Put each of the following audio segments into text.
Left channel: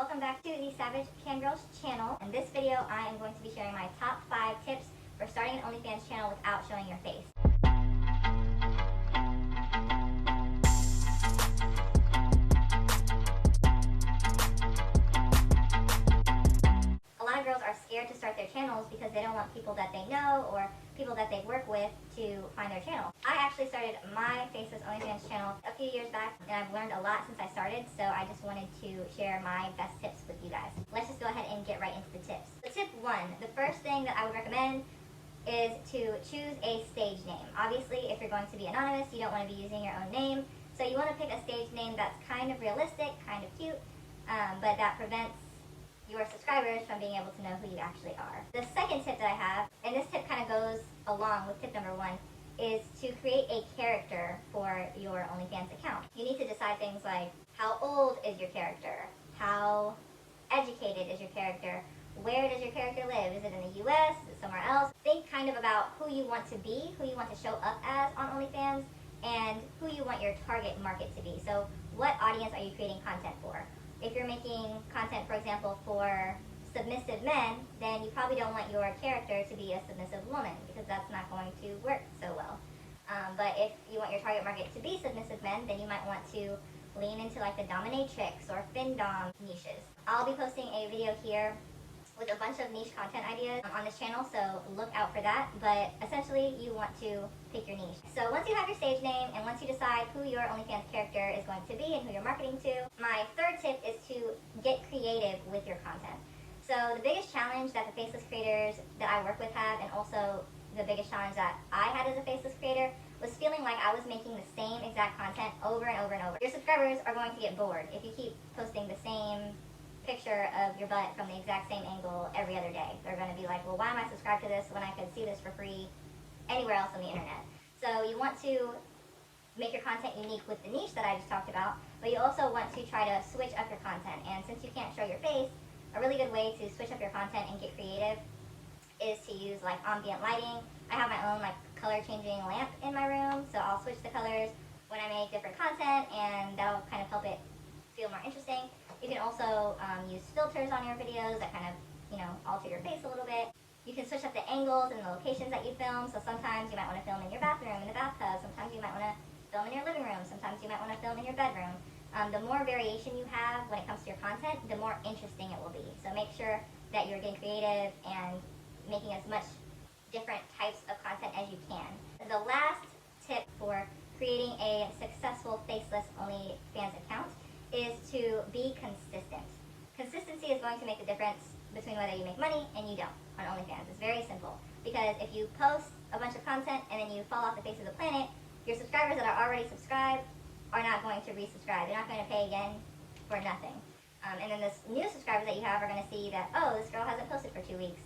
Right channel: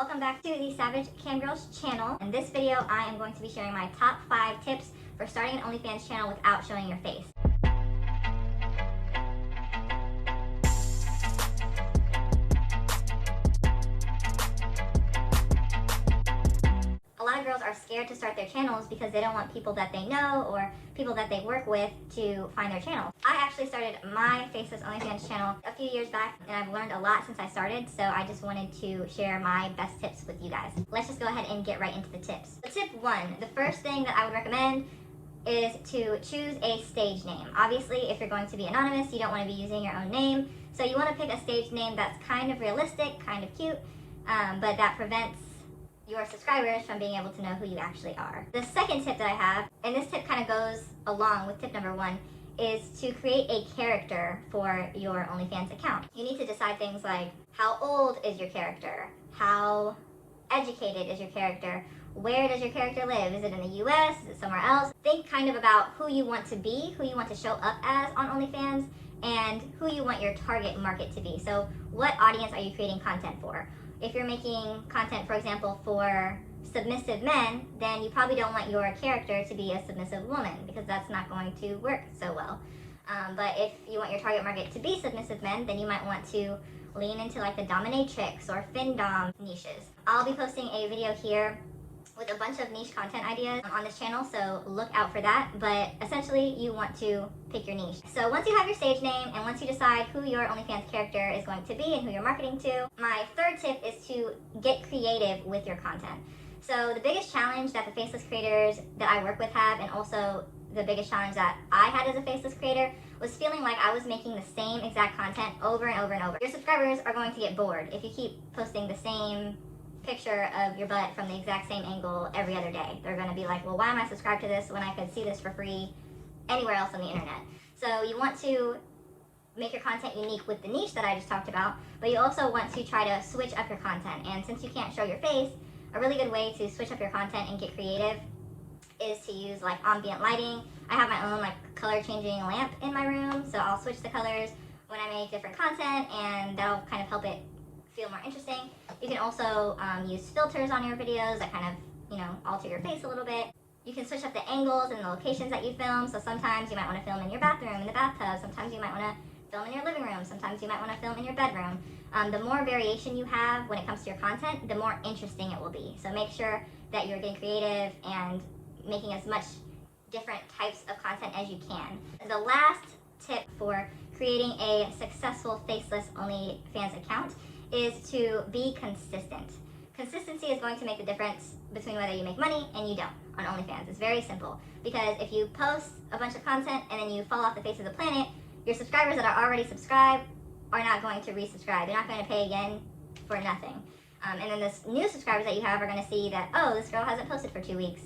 Welcome back to the Savage Cam Girls channel. In this video, I am going to be sharing my top 5 tips for starting an OnlyFans channel without showing your face. A lot of girls are scared to start their channels because they don't want people that they know or people that they work with to find their channel. I actually started my faceless OnlyFans channel a few years back, and I've learned a lot since I started, so I just wanted to share my best tips with you guys. Let's just go ahead and get right into the tips. So tip 1, the first thing that I would recommend is to choose a stage name. Obviously, if you're going to be anonymous, you don't want to be using your own name, so you want to pick a stage name that's kind of realistic, kind of cute, but that prevents your subscribers from being able to know who you actually are. The second tip that I have, and this tip kind of goes along with tip number 1, is to create a character for your OnlyFans account. You need to decide things like, how old is your character? How educated is your character? Where does your character live? Is it in the US? Is it somewhere else? Think kind of about who you want to be, who you want to show up as on OnlyFans, and who you want your target market to be. So what audience are you creating content for? If you're making content, for example, for submissive men, then you probably don't want your character to be a submissive woman because that's not going to work so well. But if you want your target market to be submissive men, then you might want to lean into like the dominatrix or findom niches. I'll be posting a video here with a bunch of niche content ideas on this channel, so look out for that. But essentially, you want to pick your niche. So once you have your stage name and once you decide who your OnlyFans character is going to be and who you're marketing to, my third tip is to get creative with your content. So the biggest challenge that the faceless creators that I work with have, and also the biggest challenge that I had as a faceless creator, was feeling like I was making the same exact content over and over and over. Your subscribers are going to get bored if you keep posting the same picture of your butt from the exact same angle every other day. They're going to be like, well, why am I subscribed to this when I could see this for free anywhere else on the internet? So you want to make your content unique with the niche that I just talked about, but you also want to try to switch up your content. And since you can't show your face, a really good way to switch up your content and get creative is to use like ambient lighting. I have my own like color changing lamp in my room, so I'll switch the colors when I make different content, and that'll kind of help it feel more interesting. You can also use filters on your videos that kind of, alter your face a little bit. You can switch up the angles and the locations that you film. So sometimes you might want to film in your bathroom, in the bathtub. Sometimes you might want to film in your living room. Sometimes you might want to film in your bedroom. The more variation you have when it comes to your content, the more interesting it will be. So make sure that you're getting creative and making as much different types of content as you can. The last tip for creating a successful faceless OnlyFans account is to be consistent. Consistency is going to make the difference between whether you make money and you don't on OnlyFans. It's very simple, because if you post a bunch of content and then you fall off the face of the planet, your subscribers that are already subscribed are not going to resubscribe. They're not going to pay again for nothing. And then the new subscribers that you have are going to see that, oh, this girl hasn't posted for 2 weeks.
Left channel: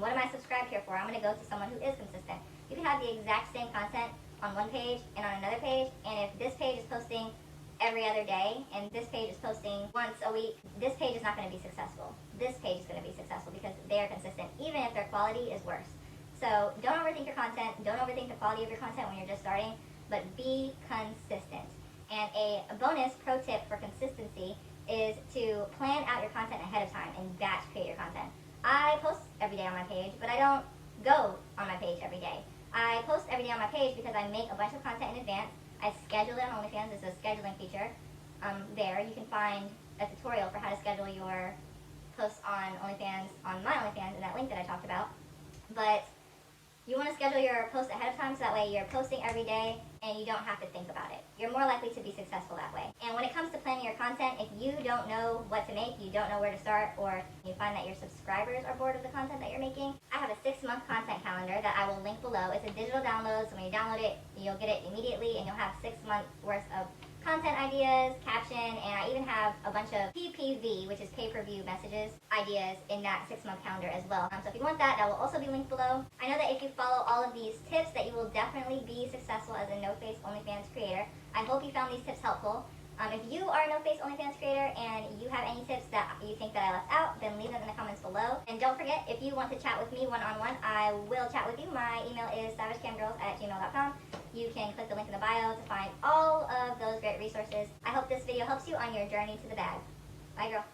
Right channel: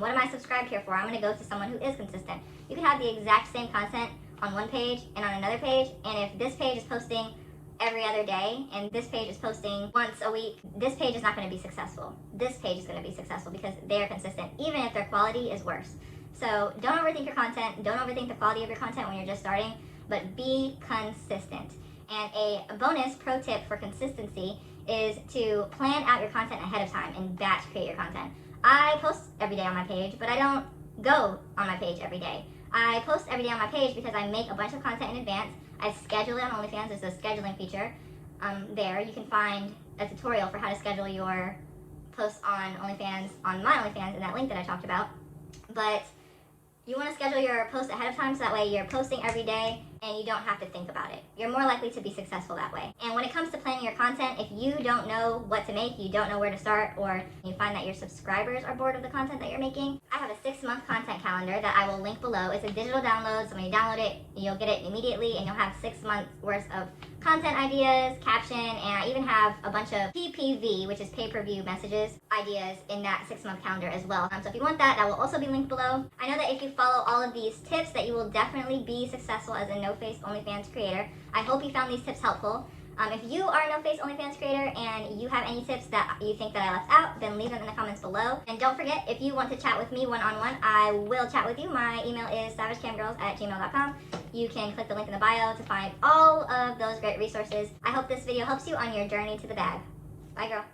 What am I subscribed here for? I'm going to go to someone who is consistent. You can have the exact same content on one page and on another page, and if this page is posting every other day and this page is posting once a week, this page is not going to be successful. This page is going to be successful because they are consistent, even if their quality is worse. So don't overthink your content. Don't overthink the quality of your content when you're just starting, but be consistent. And a bonus pro tip for consistency is to plan out your content ahead of time and batch create your content. I post every day on my page, but I don't go on my page every day. I post every day on my page because I make a bunch of content in advance. I schedule it on OnlyFans. There's a scheduling feature there. You can find a tutorial for how to schedule your posts on OnlyFans, on my OnlyFans, in that link that I talked about. But you want to schedule your post ahead of time so that way you're posting every day and you don't have to think about it. You're more likely to be successful that way. And when it comes to planning your content, if you don't know what to make, you don't know where to start, or you find that your subscribers are bored of the content that you're making, I have a 6-month content calendar that I will link below. It's a digital download, so when you download it, you'll get it immediately, and you'll have 6 months worth of content ideas, caption, and I even have a bunch of PPV, which is pay-per-view messages, ideas in that 6-month calendar as well. So if you want that, that will also be linked below. I know that if you follow all of these tips, that you will definitely be successful as a no-face OnlyFans creator. I hope you found these tips helpful. If you are a no-face OnlyFans creator and you have any tips that you think that I left out, then leave them in the comments below. And don't forget, if you want to chat with me one-on-one, I will chat with you. My email is savagecamgirls@gmail.com. You can click the link in the bio to find all of those great resources. I hope this video helps you on your journey to the bag. Bye, girl.